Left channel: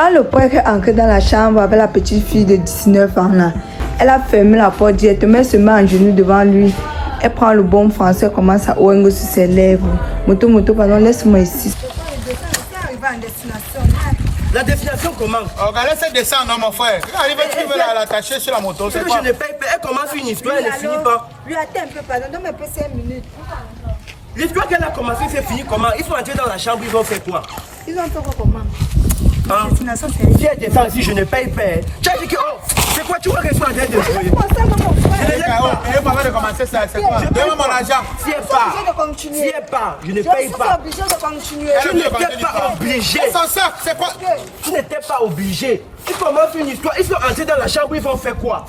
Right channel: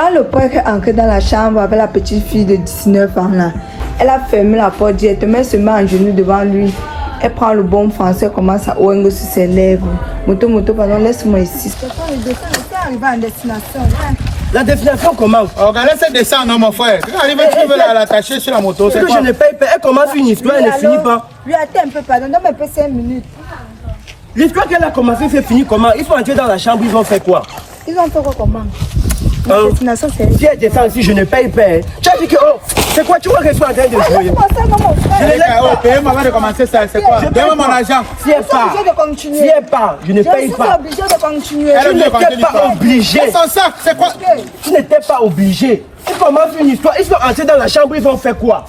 Quand le père est entré dans la chambre avec la petite fille de 19 ans là, elle a fermé la porte directement, se met en genoux devant lui. Elle prend le bon français, commence à ouvrir sur ses lèvres. Moto, pardon, laisse-moi ici. La destination comment? Regardez cette descente, non, mon frère. Tu arrives, tu veux l'attacher sur la moto. C'est que je ne paye pas. Elle commence une histoire, elle ne finit pas. Lui, attends un peu, pardon, donne un peu 5 minutes. L'histoire qu'elle a commencé, c'est fini comment? Ils sont entrés dans la chambre, ils ont fait quoi? Ils ont fait quoi comment? Si elle descend ici, je ne paye pas. Tu as dit que, oh, c'est quoi? Tu vois que je suis en train de jouer. Je ne laisse pas. Payez-moi avant de commencer ça. C'est quoi? Donne-moi mon argent. Si elle part, je ne paye pas. Je suis obligée de continuer. Tu n'étais pas obligé. C'est son sac, c'est quoi? Tu n'étais pas obligé. Ils commencent une histoire, ils sont entrés dans la chambre, ils ont fait quoi?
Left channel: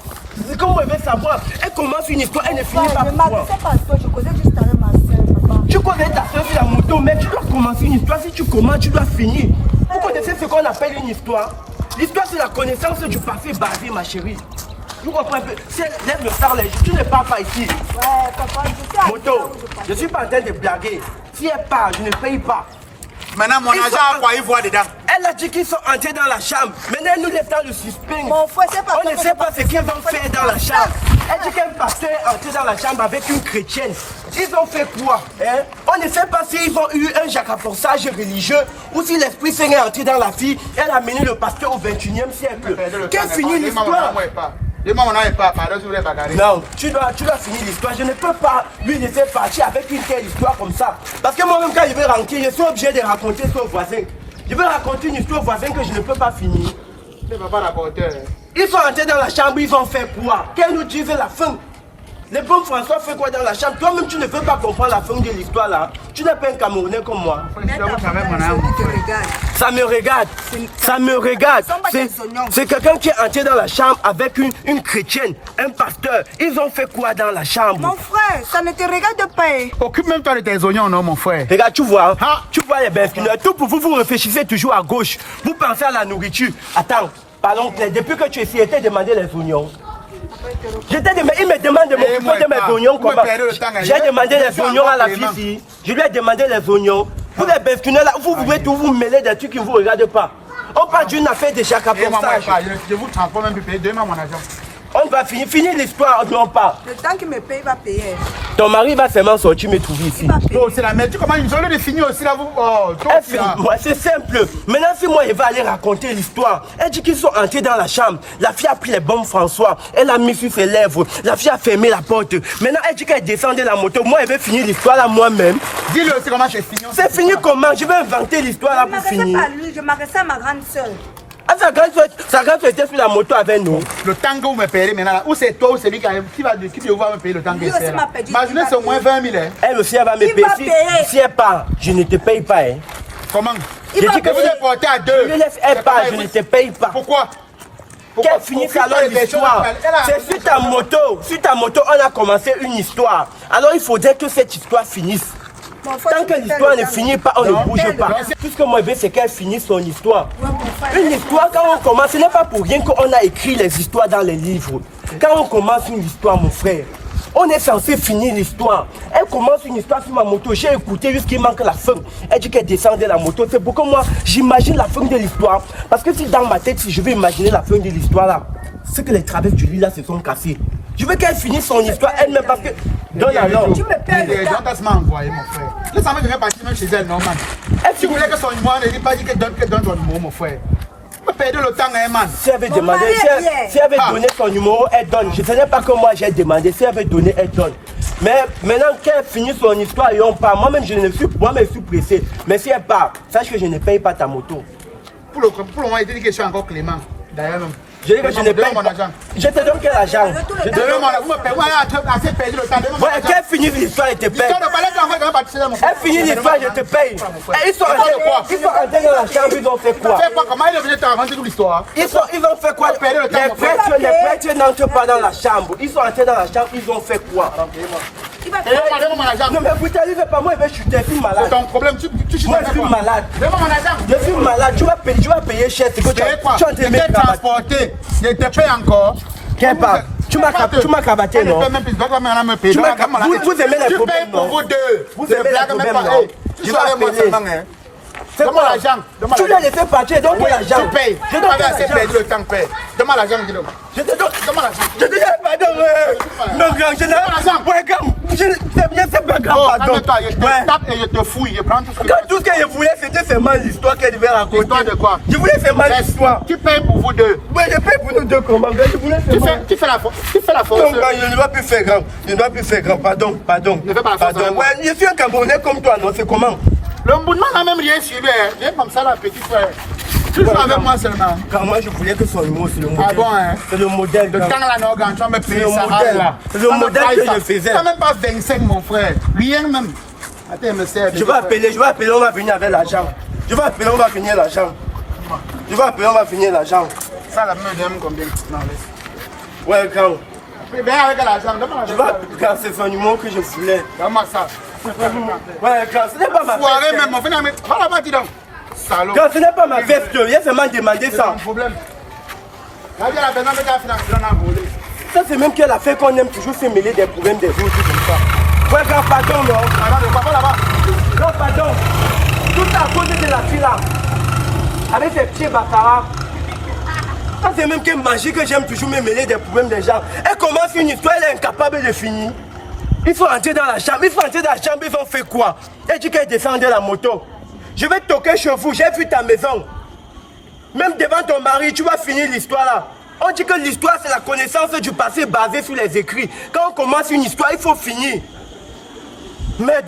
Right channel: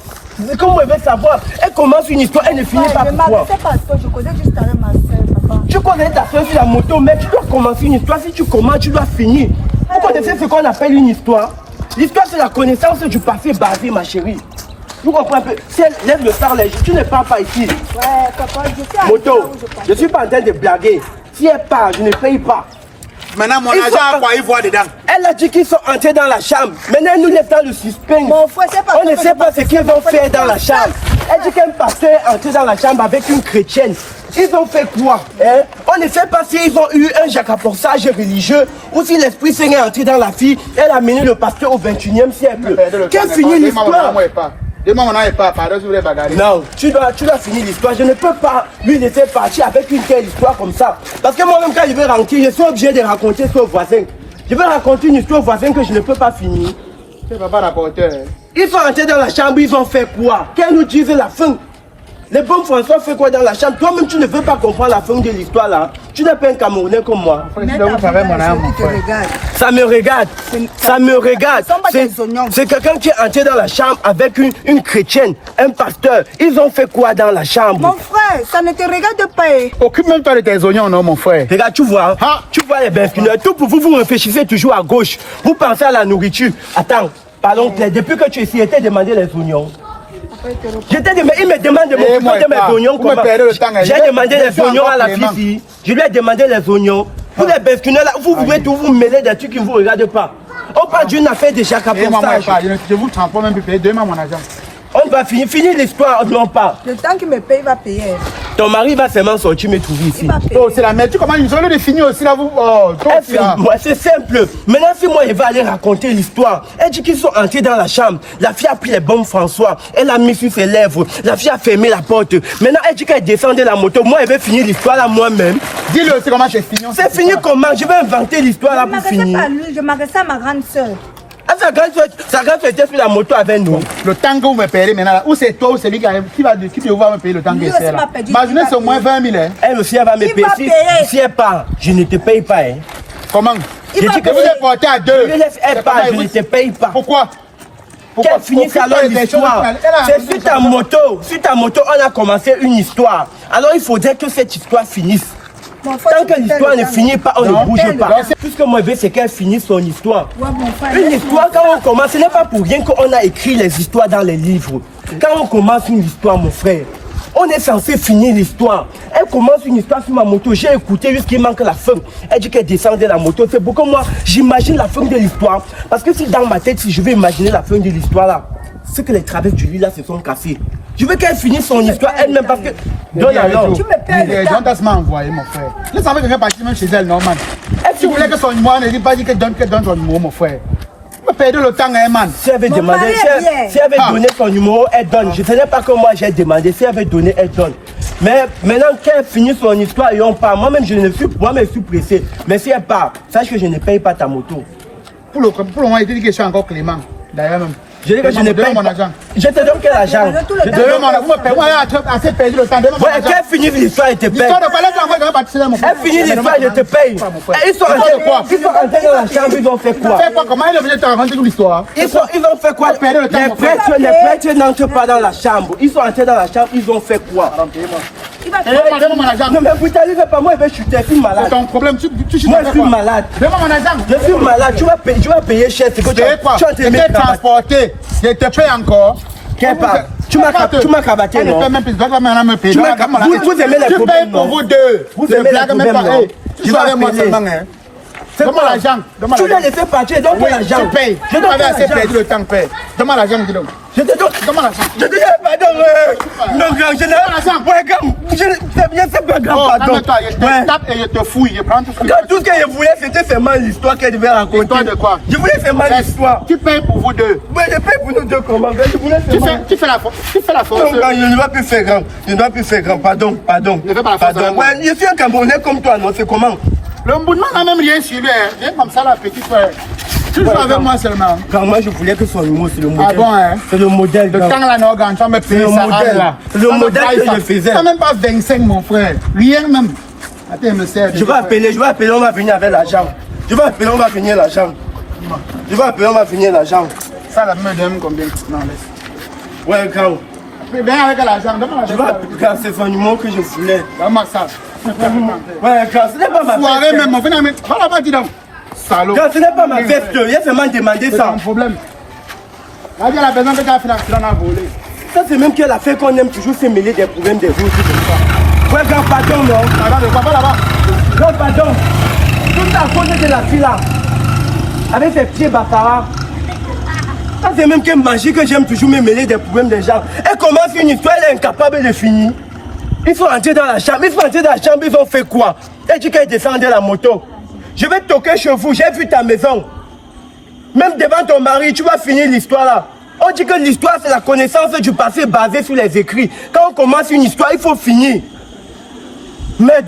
Comment elle veut savoir? Elle commence une histoire, elle ne finit pas pourquoi? Je connais juste ma soeur. Tu connais ta soeur sur la moto, mais tu dois commencer une histoire. Si tu commences, tu dois finir. Vous connaissez ce qu'on appelle une histoire? L'histoire, c'est la connaissance du passé basé, ma chérie. Vous comprenez un peu? Si elle lève le phare léger, tu ne pars pas ici. Ouais, papa, je sais. Moto, je ne suis pas en train de blaguer. Si elle part, je ne paye pas. Maintenant, mon argent, à quoi il voit dedans? Elle a dit qu'ils sont entrés dans la chambre. Maintenant, elle nous laisse dans le suspense. Mon frère, c'est pas On ne sait pas ce qu'ils vont faire dans la chambre. Elle dit qu'un pasteur est entré dans la chambre avec une chrétienne. Ils ont fait quoi hein? On ne sait pas s'ils ont eu un jacaporsage religieux ou si l'Esprit Saint est entré dans la fille. Elle a mené le pasteur au 21e siècle. Quelle finit l'histoire? Dis-moi, on n'a pas, pardon, si vous voulez bagarrer. Non, tu dois finir l'histoire. Je ne peux pas lui laisser partir avec une telle histoire comme ça. Parce que moi-même, quand je vais rentrer, je suis obligé de raconter ça aux voisins. Je vais raconter une histoire aux voisins que je ne peux pas finir. Tu ne vas pas raconter. Ils sont entrés dans la chambre, ils vont faire quoi? Qu'elle nous dise la fin. Les bons François fait quoi dans la chambre? Toi-même, tu ne veux pas comprendre la fin de l'histoire là. Tu n'es pas un Camerounais comme moi. Ça me regarde. Ça me regarde. C'est quelqu'un qui est entré dans la chambre avec une chrétienne, un pasteur. Ils ont fait quoi dans la chambre? Mon frère, ça ne te regarde pas. Occupe même pas de tes oignons, non, mon frère. Regarde, tu vois, tu vois les besquineurs. Tout pour vous, vous réfléchissez toujours à gauche. Vous pensez à la nourriture. Attends, pardon, Claire, depuis que tu es ici, elle t'a demandé les oignons. Je t'ai dit, mais il me demande de m'occuper de mes oignons. J'ai demandé les oignons à la fille. Je lui ai demandé les oignons. Vous les besquineurs là, vous pouvez tout vous mêler des trucs qui ne vous regardent pas. On parle d'une affaire de jacaporsage. Je vous transporte même plus payer. Demain, mon argent. On va finir l'histoire, on part. Le temps qu'il me paye, il va payer. Ton mari va seulement sortir me trouver ici. Oh, c'est la merde. Tu commences une journée de finir aussi là, vous. Oh, moi, c'est simple. Maintenant, si moi, je vais aller raconter l'histoire. Elle dit qu'ils sont entrés dans la chambre. La fille a pris les bombes François. Elle a mis sur ses lèvres. La fille a fermé la porte. Maintenant, elle dit qu'elle descend de la moto. Moi, je vais finir l'histoire là moi-même. Dis-le aussi comment c'est fini. C'est fini comment? Je vais inventer l'histoire là pour finir. Je m'adresse à ma grande soeur. Sa grande était sur la moto avec nous. Le temps que vous me payez maintenant, ou c'est toi ou c'est lui qui va me payer le temps que c'est là. Ma journée c'est au moins 20 000. Hein. Elle aussi, elle va me payer. Si elle part, je ne te paye pas. Hein. Comment? J'ai dit que vous êtes porté à deux. Elle part, je ne te paye pas. Pourquoi? Qu'elle finisse alors l'histoire. C'est sur ta moto. Sur ta moto, on a commencé une histoire. Alors il faudrait que cette histoire finisse. Tant que l'histoire ne finit pas, on ne bouge pas. Tout ce que moi je veux, c'est qu'elle finisse son histoire. Une histoire, quand on commence, ce n'est pas pour rien qu'on a écrit les histoires dans les livres. Quand on commence une histoire, mon frère, on est censé finir l'histoire. Elle commence une histoire sur ma moto, j'ai écouté jusqu'il manque la fin. Elle dit qu'elle descend de la moto. C'est pourquoi moi, j'imagine la fin de l'histoire. Parce que si dans ma tête, si je veux imaginer la fin de l'histoire là, c'est que les travers du lit là se sont cassés. Je veux qu'elle finisse son histoire elle-même parce que... Donne alors. Tu me payes. Donne m'a envoyé, mon frère. Je savais que je vais partir même chez elle, normal. Si vous voulez que son numéro, ne dit pas que donne son numéro, mon frère. Vous me perdez le temps, hein, man. Si elle avait demandé, si elle avait donné son numéro, elle donne. Je ne sais pas que moi j'ai demandé. Si elle avait donné, elle donne. Mais maintenant qu'elle finit son histoire et on part, moi-même je suis pressé. Mais si elle part, sache que je ne paye pas ta moto. Pour le moment, il dit que je suis encore Clément. D'ailleurs même. Je dis que je ne paye mon argent. Je te donne quel argent? Vous me payez, moi, assez perdu le temps. Qu'elle finit l'histoire, je te paye. Elle finit l'histoire, je te paye. Ils sont entrés dans la chambre, ils ont fait quoi? Comment ils ont venu te raconter toute l'histoire? Ils ont fait quoi? Les prêtres n'entrent pas dans la chambre. Ils sont entrés dans la chambre, ils ont fait quoi? Donne-moi mon argent. Non mais vous t'arrivez pas, moi je vais chuter, je suis malade. C'est ton problème, tu chutes. Moi je suis malade. Donne-moi mon argent. Je suis malade, tu vas payer cher. C'est quoi? Je t'ai transporté, je te paye encore. Tu m'as cabaté, non? Vous aimez les problèmes. Tu payes pour vous deux. Vous aimez les problèmes, non? Tu vas avec moi seulement, hein? Donne-moi l'argent. Tu l'as laissé partir, donne-moi l'argent. Je paye. Je t'avais assez perdu le temps, père. Donne-moi l'argent, dis-donc. Je te donne. Donne-moi l'argent. Je te dis, pardon. Non, grand, je n'ai pas l'argent. Ouais, grand. C'est pas grave, pardon. Je te tape et je te fouille. Je prends tout ce que tout ce que je voulais, c'était seulement l'histoire qu'elle devait raconter. L'histoire de quoi? Je voulais seulement l'histoire. Tu payes pour vous deux. Mais je paye pour nous deux comment? Je voulais seulement. Tu fais la force. Non, je ne dois plus faire grand. Je ne dois plus faire grand. Pardon. Ne fais pas la force. Ouais, je suis un Camerounais comme toi, non? C'est comment? Le Mbounement n'a même rien suivi. Rien comme ça, la petite frère. Tu joues avec moi seulement. Quand moi, je voulais que son humour, c'est le modèle. Ah bon, hein? C'est le modèle. Le temps là, non, tu vas me payer ça. C'est le modèle que je faisais. Tu n'as même pas 25, mon frère. Rien même. Attends, me sert. Je vais appeler, on va venir avec l'argent. Je vais appeler, on va finir l'argent. Ça, la me donne combien? Non, laisse. Ouais, grand. Viens avec l'argent, donne-moi Je l'argent. vais, grand, c'est son humour que je voulais. Donne-moi ça. Ouais, grand, ce n'est pas ma Foiré fête. même, mon frère. Va là-bas, dis donc. Salaud. Grand, ce n'est pas ma fête. Il a seulement demandé C'est ça. un problème. Là, il y a la besoin que tu as financé, on a volé. Ça, c'est même qu'elle a fait qu'on aime toujours se mêler des problèmes des autres comme ça. Ouais, grand, pardon, non. Va là-bas. Grand, pardon. Tout à cause de la fille là. Avec ses pieds bâtards. Ça, c'est même que magie que j'aime toujours me mêler des problèmes des gens. Elle commence une histoire, elle est incapable de finir. Il faut entrer dans la chambre, ils ont fait quoi? Elle dit qu'elle descendait la moto. Je vais toquer chez vous, j'ai vu ta maison. Même devant ton mari, tu vas finir l'histoire là. On dit que l'histoire c'est la connaissance du passé basée sur les écrits. Quand on commence une histoire, il faut finir. Mais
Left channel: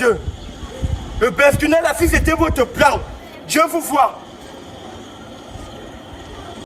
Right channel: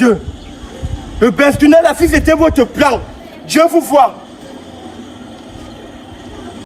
le Bestunel, là, si c'était votre plan, Dieu vous voit.